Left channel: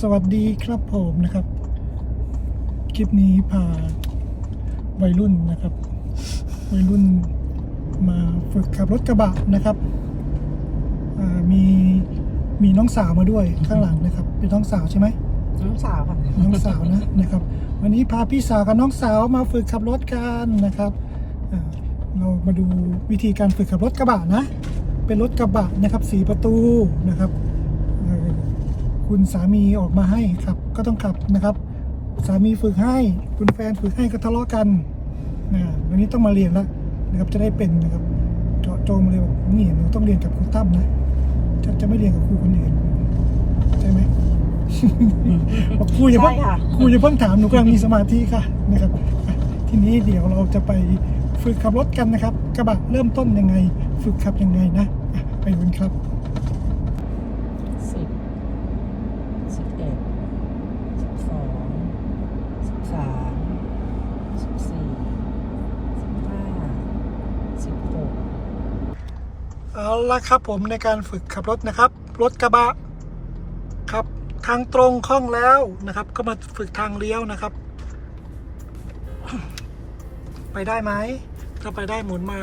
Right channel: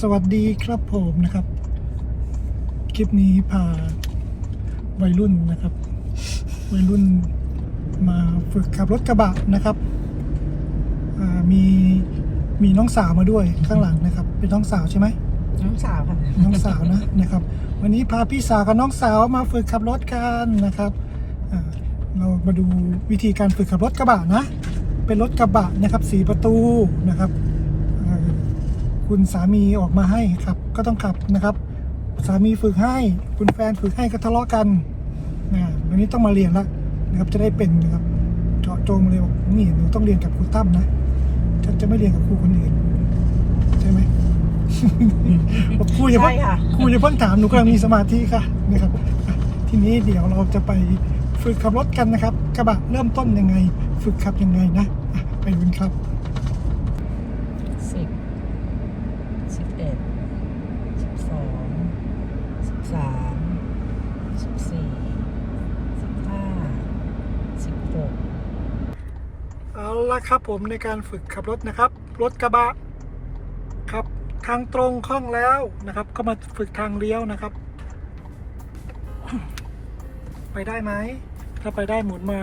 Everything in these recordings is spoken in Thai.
สวัสดีครับผมนะครับ คลิปนี้พาวัยรุ่นนะครับ วัยรุ่นมาฝึกขับรถกระบะนะครับอ่ามีมีน้องสาวมาด้วยข้างหลังนะครับ เป็นน้องสาวใช่ไหมน้องสาวค่ะน้องสาวนะนะครับ วันนี้พาพี่สาวกับน้องสาวมาฝึกขับรถกันนะครับอ่าเรามาดูวิธีการฝึกขับรถกระบะนะ เป็นรถกระบะนะครับสีประตูนะครับเอ่อ คุณสามีออกมาให้ครับ ก็ต้องขับนะครับ สามีฝึกให้ คุณแฟนฝึกให้ก็ทะเลาะกันนะวันนี้ต้องมาเรียนละนะครับจะได้เป็นนะครับเจาะจงเลยบอกนี่หนูต้องเรียนกับครูตั้มนะจะจะไม่เรียนกับครูคนอื่นใช่ไหมบอกครูอย่าเพิ่งใช่ค่ะครูอย่าเพิ่งถามหนูกำลังมีสมาธิค่ะนะครับอะทีนี้เดี๋ยวเราจะไปฝึกขับรถกันนะครับ กระบะเริ่มต้นยังไง ฝึกขับยังไงนะอะไปดูกันครับสิบสิบเอ็ดสิบสองสิบสามสิบสี่สิบห้าสิบหก เอา ละครับผมในการฝึกขับรถนะครับ รถกระบะครับทางตรงคล่องแล้วนะครับ ก็มาฝึกทางเลี้ยวนะครับ ไปได้ไหมถ้าไปได้หมุนมา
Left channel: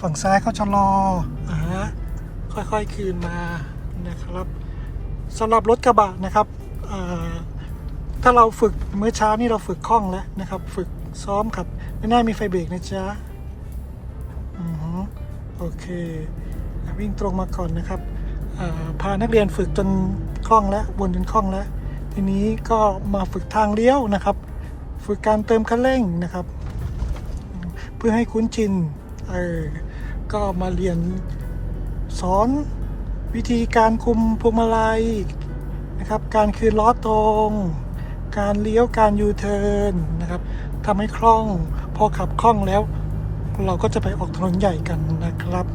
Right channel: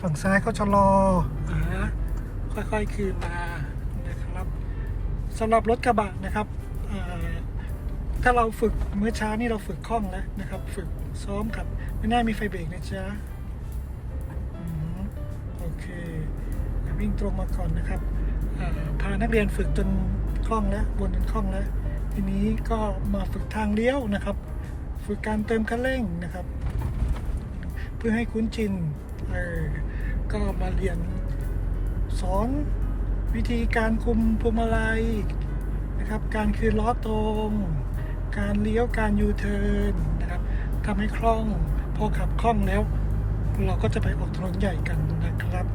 ฝั่งซ้ายเขาชะลออ่าค่อยๆคืนมานะครับสำหรับรถกระบะนะครับถ้าเราฝึกเมื่อเช้านี่เราฝึกคล่องแล้วนะครับ ฝึกซ้อมครับ ไม่น่ามีไฟเบรกนะจ๊ะอืมโอเค วิ่งตรงมาก่อนนะครับพานักเรียนฝึกจนคล่องแล้ววนจนคล่องแล้ว ทีนี้ก็มาฝึกทางเลี้ยวนะครับ ฝึกการเติมคันเร่งนะครับ เพื่อให้คุ้นชินเออก็มาเรียนสอนวิธีการคุมพวงมาลัยนะครับ การคืนล้อตรง การเลี้ยวการยูเทิร์นนะครับทำให้คล่อง พอขับคล่องแล้ว เราก็จะไปออกถนนใหญ่กันนะครับ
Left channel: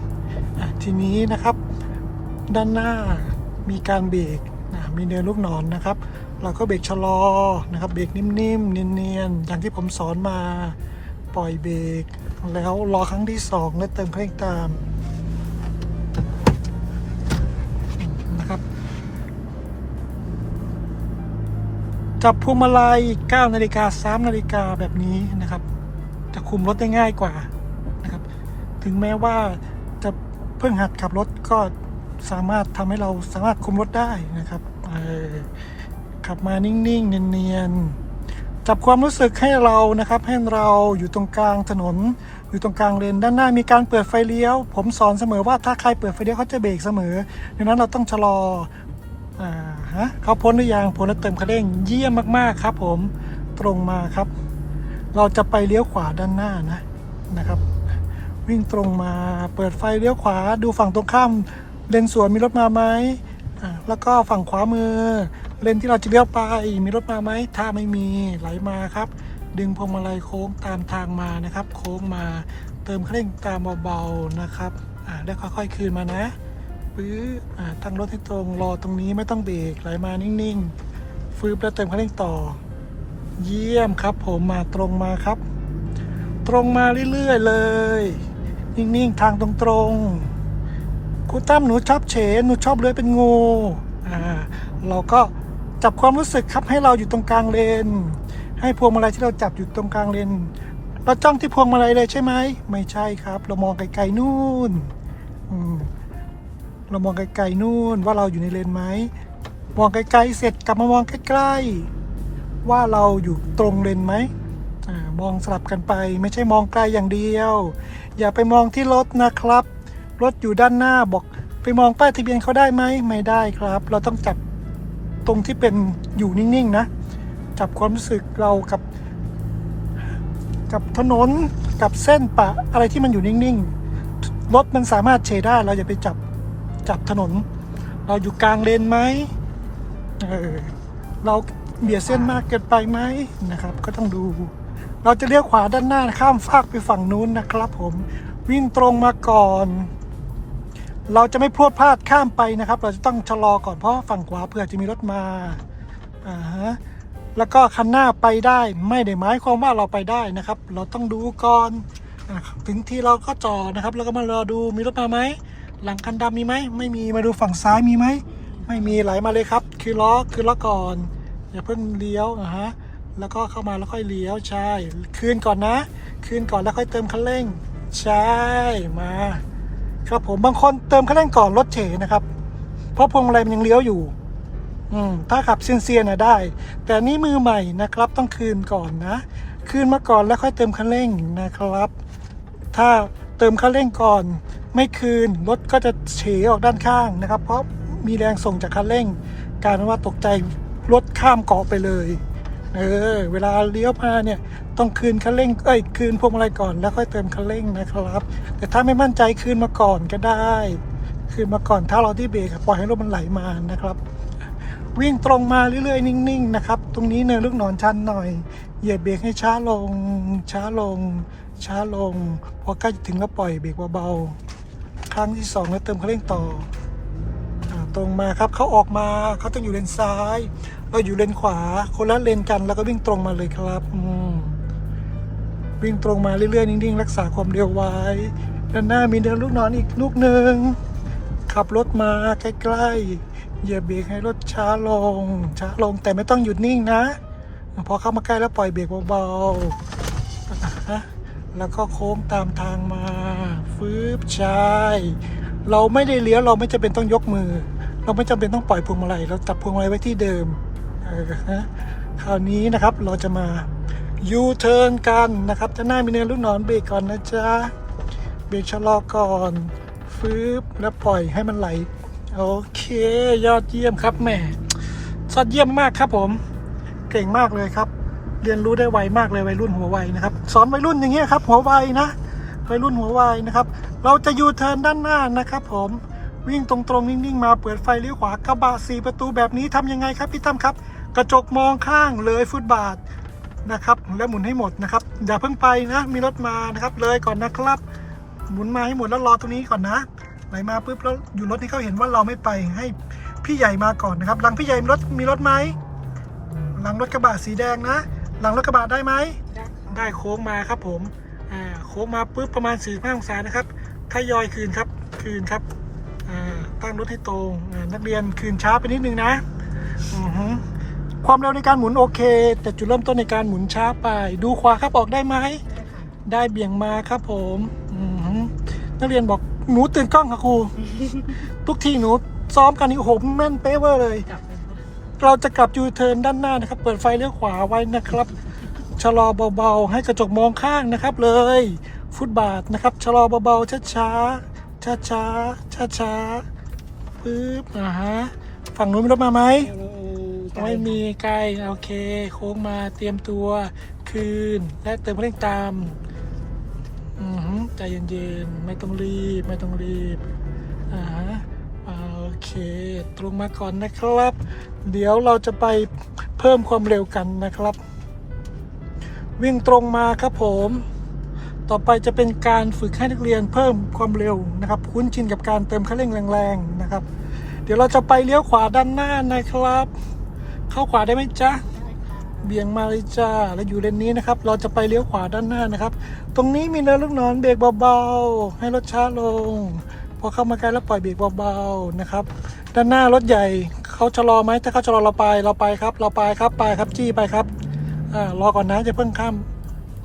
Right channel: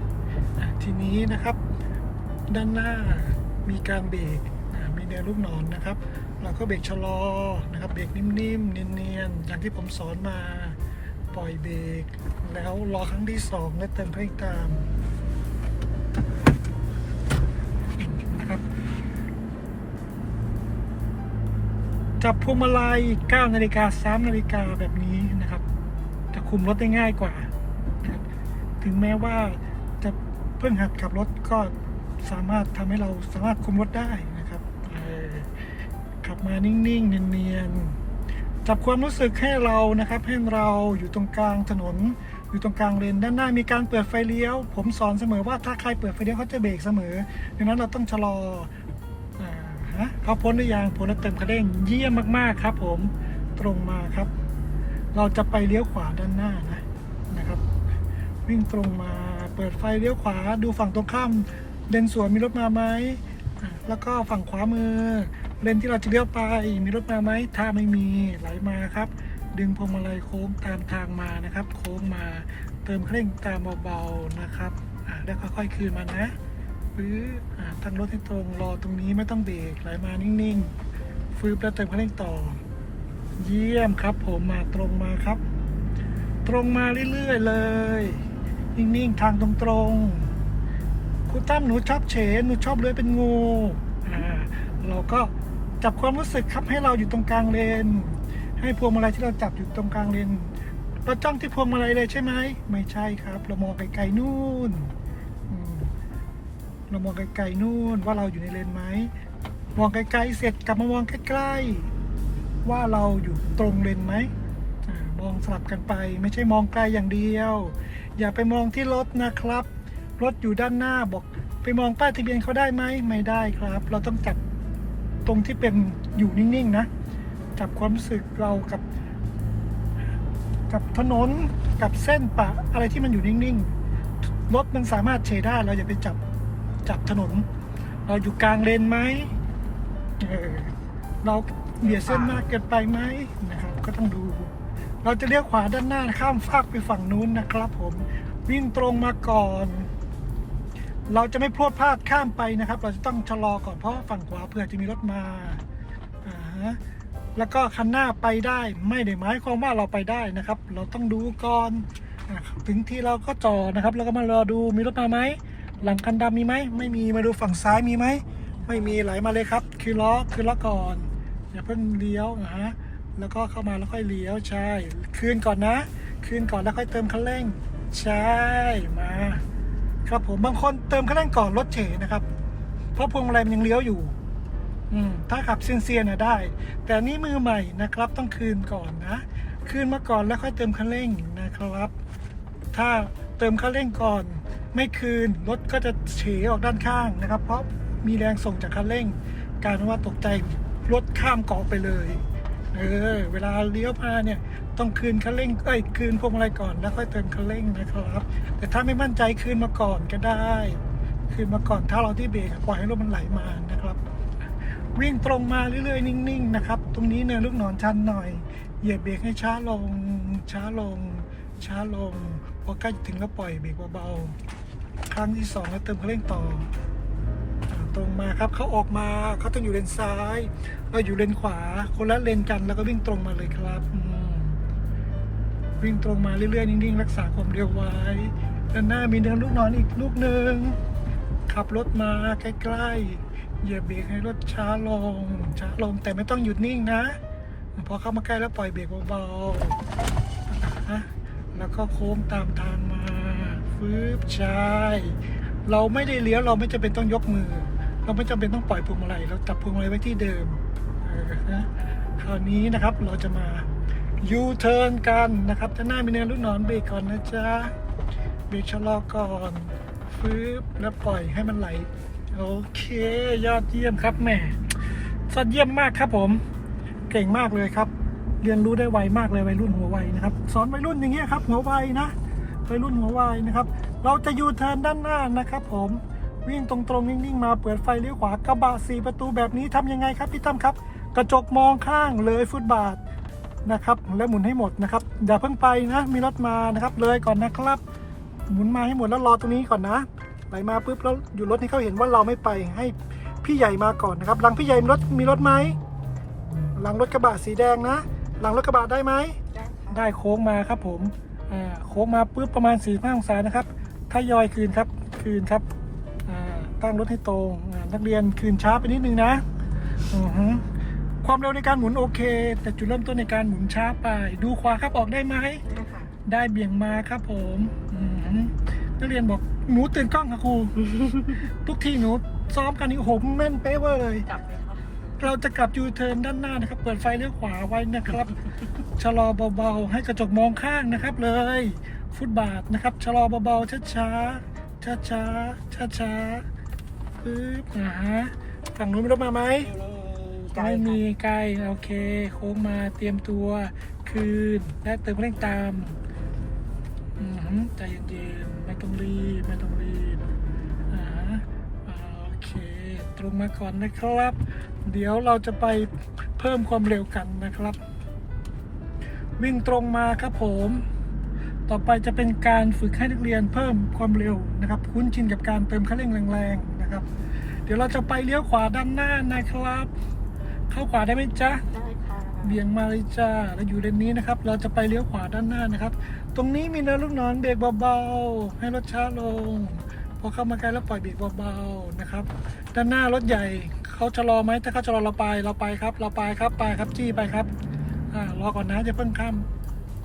ทีนี้นะครับด้านหน้ามีการเบรกมีเนินลูกศรนนะครับเราก็เบรกชะลอนะครับเบรกนิ่มๆเนียนๆอย่างที่ผมสอนมาปล่อยเบรกแล้วรอครั้งที่สองแล้วเติมเครื่องตามนะครับ จับพวงมาลัย9นาฬิกา3นาฬิกาแบบนี้นะครับ จะคุมรถได้ง่ายกว่านะครับ ถึงแม้ว่า พิ่งหัดขับรถก็สามารถทำให้เราสามารถคุมรถได้นะครับขับมานิ่งๆ เนียนๆ จับความรู้สึกให้เรานะครับ ให้เราอยู่ตรงกลางถนน อยู่ตรงกลางเลนด้านหน้ามีการเปิดไฟเลี้ยว ผมสอนเสมอว่าถ้าใครเปิดไฟเลี้ยวเขาจะเบรกเสมอดังนั้นเราต้องชะลอฮะเขาพ้นหรือยังพ้นแล้วเติมคันเร่งเยี่ยมมากๆครับ ผมตรงมาครับ เราจะไปเลี้ยวขวาด้านหน้านะนะครับ วิ่งตรงมาเปิดไฟเลี้ยวขวาดูฝั่งตรงข้ามเลนสวนมีรถมาไหมแล้วก็ฝั่งขวามือ เลนที่เราจะเลี้ยวไปมีรถมาไหมถ้าไม่มีไหลมาครับ ดึงพวงมาลัยโค้งตามทางมานะครับ โค้งมาเติมเคร่งตามเบาๆนะครับอ่าได้ค่อยๆคืนมานะฟื้ออ่าตั้งรถให้ตรงรอตรงนี้ไม่ต้องเบรกไหลมานิ่งๆฟื้นแล้วเติมเคร่งต่อ เยี่ยมครับ ผมมาตรงมาครับ ตรงมาเรื่อยๆเลย นิ่งๆ ทางตรงๆคุณตั้มหนูชอบเฉหนูชอบเลื้อยเป็นงูอ่าเราก็จับความรู้สึกครับให้เราอยู่ตรงกลางเลน ให้พวงมาลัยที่เราจับอยู่ตรงกลางเลนเราจ้องที่พวงมาลัยเลยใช่ไหมไม่ใช่ครับ เรามองไกลๆนู่นอืมเรามองไกลๆนู่นว่าเราอยู่ในเลนไหมมองไกลๆเสร็จกลับมามองใกล้ๆว่าเราอยู่ตรงเลนไหมอามองสลับกันไป ไม่ใช่มองไกลอย่างเดียว อย่าไปมองที่รถนะครับ รถอยู่ด้านหน้าบอก ไปมองป้ายทะเบียนเขาได้ไหมไม่ได้ครับ เราต้องจับตรงที่เป็นอยู่นิ่งๆนะ จับความรู้สึกเรากับ กับถนนกับเส้นปะอะไรที่มันอยู่นิ่งๆรถมันสามารถเฉได้เราอย่าไปจับจับถนน เราอยู่กลางเลนไหมเออเราเบียดเส้นมากเกินไปไหมนะครับ ก็ต้องดู เราจะเลี้ยวขวาด้านหน้าข้ามฟากไปฝั่งนู้นนะครับ ผมวิ่งตรงมาก่อน เราจะไม่พรวดพลาดข้ามไปนะครับ เราจะต้องชะลอก่อนเพราะฝั่งขวาเผื่อจะมีรถมาอ่าฮะแล้วก็คันหน้าไปได้ไม่ได้หมายความว่าเราไปได้นะครับ เราต้องดูก่อนถึงที่เราก็จอดนะครับ แล้วก็มารอดูมีรถมาไหมหลังคันดำมีไหมไม่มีมาดูฝั่งซ้ายมีไหมไม่มีไหลมาเลยครับ คือล้อคือล้อก่อน อย่าเพิ่งเลี้ยวนะฮะ แล้วก็เข้ามาแล้วค่อยเลี้ยวใช่ คืนก่อนนะ คืนก่อนแล้วค่อยเติมคันเร่ง ใช่มา ครับผมบางคนเติมคันเร่งก่อนรถเฉยนะครับ เพราะพวงมาลัยมันยังเลี้ยวอยู่ อืมถ้าขับเซียนๆนะได้ แต่นี่มือใหม่นะครับ ต้องคืนก่อนนะ คืนมาก่อนแล้วค่อยเติมคันเร่งนะครับ ถ้าเติมคันเร่งก่อน ไม่คืนรถก็จะเฉออกด้านข้างนะครับ เพราะมีแรงส่งจากคันเร่ง การว่าตกใจรถข้ามเกาะไปเลย เออ เวลาเลี้ยวมาเนี่ย ต้องคืนคันเร่งเอ้ยคืนพวงมาลัยก่อนแล้วค่อยเติมคันเร่งนะครับ แต่ถ้าไม่มั่นใจคืนมาก่อนก็ได้ คืนมาก่อนถ้าเราที่เบรกปล่อยให้รถมันไหลมานะครับ วิ่งตรงมาเรื่อยๆ นิ่งๆนะครับ ตรงนี้เนินลูกหนอนชันหน่อยเหยียบเบรกให้ช้าลง ช้าลง ช้าลงพอใกล้ถึงก็ปล่อยเบรกเบาๆครั้งที่สองแล้วเติมคันเร่งต่อ ตรงมาครับเขาออกมาเขาต้องอยู่เลนซ้าย เราอยู่เลนขวา คนละเลนกันแล้วก็วิ่งตรงมาเลยครับวิ่งตรงมาเรื่อยๆนิ่งๆ รักษาความเร็วไว้ด้านหน้ามีเนินลูกนอนอีกลูกหนึ่งขับรถมาใกล้ๆเหยียบเบรกให้รถช้าลง ช้าลงแต่ไม่ต้องหยุดนิ่งนะ พอเข้ามาใกล้แล้วปล่อยเบรกเบาๆแล้วก็โค้งตามทางมาฟืบใช่เราไม่ได้เลี้ยวเราไม่จำเป็นต้องยกมือ เราไม่จำเป็นต้องปล่อยพวงมาลัยเราจับพวงมาลัยไว้ที่เดิมนะคราวนี้นะครับเราจะมายูเทิร์นกันนะครับจะหน้ามีเนินลูกนอนเบรกก่อนนะจ๊ะเบรกชะลอก่อนฟืบแล้วปล่อยให้มันไหลโอเค ยอดเยี่ยมครับแม่ยอดเยี่ยมมากครับผม เก่งมากเลยครับ เรียนรู้ได้ไวมากเลยวัยรุ่นหัวไวนะครับสอนวัยรุ่นอย่างเงี้ยครับหัวไวนะวัยรุ่นหัวไวนะครับ เราจะยูเทิร์นด้านหน้านะครับ ผม วิ่งตรงๆ นิ่ง ๆ มาเปิดไฟเลี้ยวขวากระบะสี่ประตูแบบนี้ทำยังไงครับพี่ตั้มครับ กระจกมองข้างเลยฟุตบาทนะครับแล้วหมุนให้หมดนะครับ อย่าเพิ่งไปนะ มีรถมานะครับ เลยก่อนนะครับ หมุนมาให้หมดแล้วรอตรงนี้ก่อนนะไหลมาปุ๊บแล้วอยู่รถให้เขาเห็นว่าเราไม่ไปให้พี่ใหญ่มาก่อนนะครับ หลังพี่ใหญ่มีรถมีรถไหมหลังรถกระบะสีแดงนะ หลังรถกระบะได้ไหมได้โค้งมาครับผมอ่าโค้งมาปุ๊บประมาณ4 5องศานะครับทยอยคืนครับคืนครับ ตั้งรถให้ตรงอ่านักเรียนคืนช้าไปนิดนึงนะอือฮึความเร็วในการหมุนโอเค แต่จุดเริ่มต้นในการหมุนช้าไป ดูขวาครับออกได้ไหมได้ค่ะได้เบี่ยงมาครับผมอือหือนักเรียนบอกหนูตื่นกล้องค่ะครูทุกทีหนูซ้อมกันนี่โอ้โหแม่นเป๊ะเวอร์เลยกลับเลยค่ะเราจะกลับยูเทิร์นด้านหน้านะครับ เปิดไฟเลี้ยวขวาไว้นะครับชะลอเบาๆ ให้กระจกมองข้างนะครับเลย ฟุตบาทนะครับชะลอเบาๆช้าๆช้าๆช้าๆ ปึ๊บอ่าฮะฝั่งนู้นมีรถมาไหมไม่มีใกล้โอเค โค้งมาเตรียมตัวคืน และเติมเร่งตามอือหือใจเย็นๆ ไม่ต้องรีบ ไม่ต้องรีบอ่าฮะโอเค ตรงมาก่อนนะครับ เดี๋ยวเราจะไปเพิ่มความเร็วกันนะครับ วิ่งตรงมาครับผม ต่อไปจะเป็นการฝึกให้นักเรียนเพิ่มความเร็วนะครับ คุ้นชินกับการเติมคันเร่งแรงๆ นะครับ เดี๋ยวเราจะไปเลี้ยวขวาด้านหน้านะครับ เข้าขวาได้ไหมจ๊ะได้ค่ะเบี่ยงมาเลยจ้าแล้วอยู่เลนนี้นะครับ เราจะไปเลี้ยวขวาด้านหน้านะครับ ตรงนี้มีเนินลูกนอนเบรกเบาๆ ให้รถช้าลง พอเข้ามาใกล้แล้วปล่อยเบรกเบาๆนะครับ ด้านหน้ารถใหญ่เขาชะลอไหมถ้าเขาชะลอเราไปเราไปครับ เราไปครับไปครับจี้ไปครับอ่ารอก่อนนะจะเพิ่งข้าม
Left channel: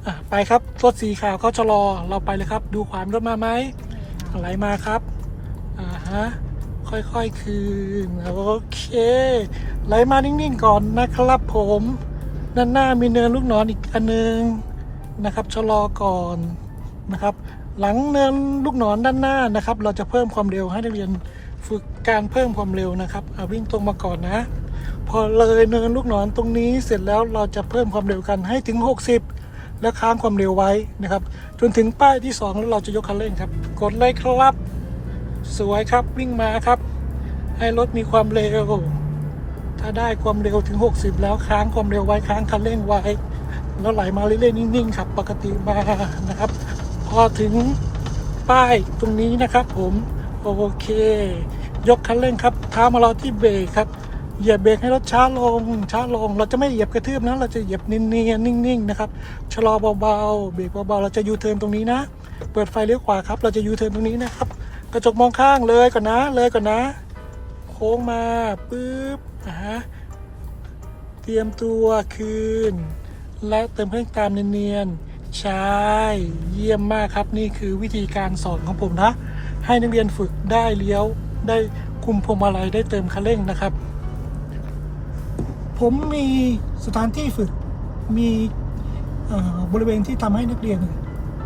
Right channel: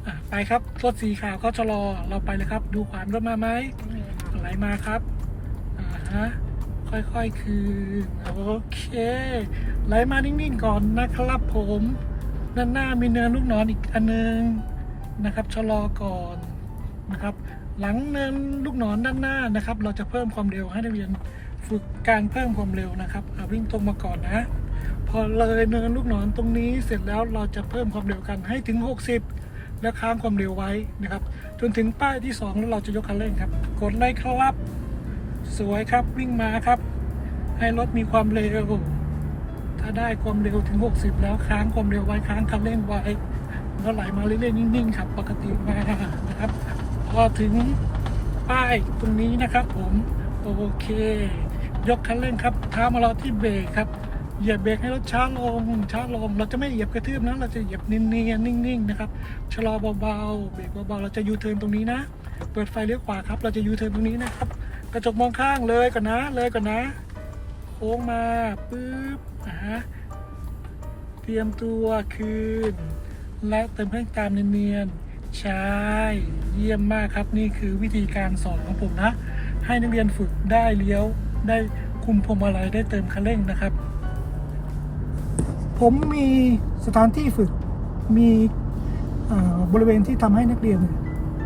อะไปครับรถสีขาวเขาชะลอเราไปเลยครับ ดูขวามรถมาไหมไหลมาครับอ่าฮะ ค่อยๆคืน โอเค ไหลมานิ่งๆก่อนนะครับผมด้านหน้ามีเนินลูกศรอีกอันนึงนะครับชะลอก่อนนะครับ หลังเนินลูกศรด้านหน้านะครับ เราจะเพิ่มความเร็วให้นักเรียนฝึกการเพิ่มความเร็วนะครับอะวิ่งตรงมาก่อนนะ พอเลยเนินลูกศรตรงนี้เสร็จแล้วเราจะเพิ่มความเร็วกันให้ถึง 60 แล้วค้างความเร็วไว้นะครับ จนถึงป้ายที่ 2 แล้วเราจะยกคันเร่งครับ กดเลยครับ สวยครับวิ่งมาครับ ให้รถมีความเร็ว ถ้าได้ความเร็วถึง 60 แล้วค้างความเร็วไว้ค้างคันเร่งไว้แล้วไหลมาเรื่อยๆนิ่งๆครับปกติมานะครับ พอถึงป้ายตรงนี้นะครับ ผมโอเค ยกคันเร่งครับเท้ามารอที่เบรกครับเหยียบเบรกให้รถช้าลงช้าลง เราจะไม่เหยียบกระทืบนะเราจะเหยียบเนียนๆนิ่งๆนะครับชะลอเบาๆเบรกเบาๆเราจะยูเทิร์นตรงนี้นะ เปิดไฟเลี้ยวขวาครับ เราจะยูเทิร์นตรงนี้นะครับ กระจกมองข้างเลยก่อนนะ เลยก่อนนะ โค้งมาปุ๊บอ่าฮะเตรียมตัวคืน และเติมเพิ่มตามเนียนๆใช่เยี่ยมมากครับนี่คือวิธีการสอนของผมนะ ให้นักเรียนฝึกได้เลี้ยว ได้คุมพวงมาลัยได้เติมคันเร่งนะครับ ผมมีสถานที่ฝึกมีบริเวณที่ทำให้นักเรียน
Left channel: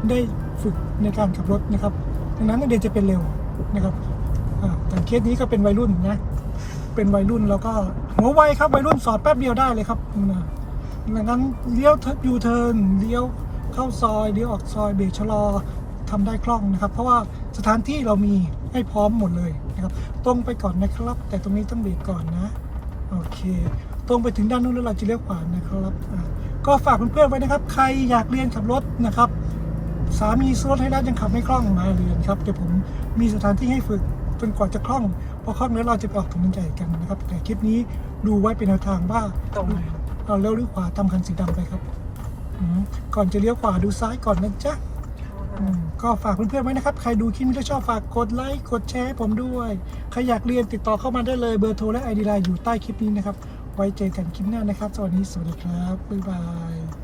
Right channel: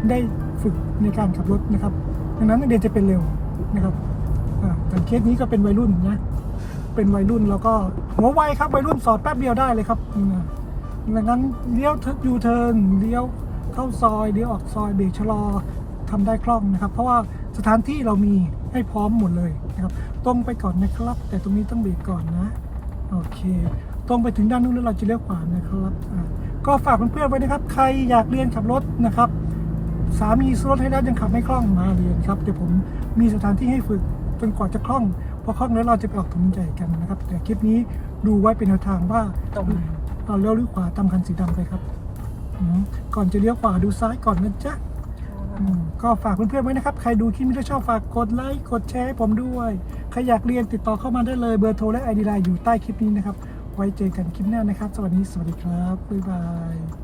ได้ฝึกในการขับรถนะครับ ดังนั้นนักเรียนจะเป็นเร็วนะครับอ่าอย่างเคสนี้ก็เป็นวัยรุ่นนะเป็นวัยรุ่นแล้วก็หัวไวครับวัยรุ่นสอดแป๊บเดียวได้เลยครับดังนั้นเลี้ยวยูเทิร์นเลี้ยวเข้าซอยเลี้ยวออกซอยเบรกชะลอทำได้คล่องนะครับ เพราะว่าสถานที่เรามีให้พร้อมหมดเลยนะครับตรงไปก่อนนะครับ แต่ตรงนี้ต้องเบรกก่อนนะโอเค ตรงไปถึงด้านนู้นแล้วเราจะเลี้ยวขวานะครับก็ฝากเพื่อนๆไว้นะครับ ใครอยากเรียนขับรถนะครับ สามีซื้อรถให้แล้วยังขับไม่คล่องมาเรียนครับเดี๋ยวผมมีสถานที่ให้ฝึกจนกว่าจะคล่องพอคล่องแล้วเราจะไปออกถนนใหญ่กันนะครับ แต่คลิปนี้ดูไว้เป็นแนวทางว่าเราเลี้ยวหรือขวาตามคันสีดำไปครับก่อนจะเลี้ยวขวาดูซ้ายก่อนนะจ๊ะก็ฝากเพื่อนๆไว้นะครับ ใครดูคลิปนี้แล้วชอบฝากกดไลค์กดแชร์ให้ผมด้วย ใครอยากเรียนติดต่อเข้ามาได้เลยเบอร์โทรและไอดีไลน์อยู่ใต้คลิปนี้นะครับ ไว้เจอกันคลิปหน้านะครับ สวัสดี สวัสดีครับ บ๊ายบาย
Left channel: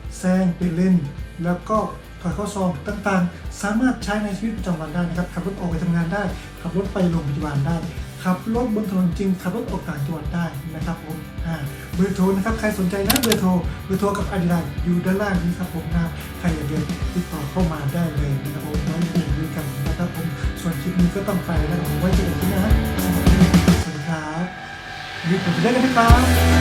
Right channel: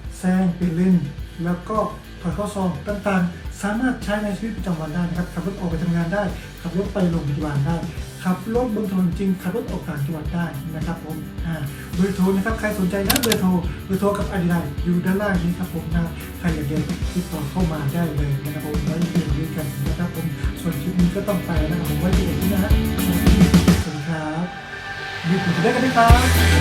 แซงเปลี่ยนแล้วก็ถอยเข้าซองต่างๆ สามารถใช้ในชีวิตประจำวันได้นะครับ ขับรถออกไปทำงานได้ ขับรถไปโรงพยาบาลได้ ขับรถบนถนนจริง ขับรถออกต่างจังหวัดได้นะครับผมอ่าเบอร์โทรนะครับ ใครสนใจนะเบอร์โทร เบอร์โทรกับอดีไลน์อยู่ด้านล่างนี้ครับผมนะใครอยากเรียนติดต่อเข้ามาได้เลยนะครับผมไว้เรียนด้วยกันนะครับผม ส่วนคลิปนี้ก็ต้องไปแล้วผมไว้เจอกันที่นะสวัสดีครับรีบไปได้กันนะครับ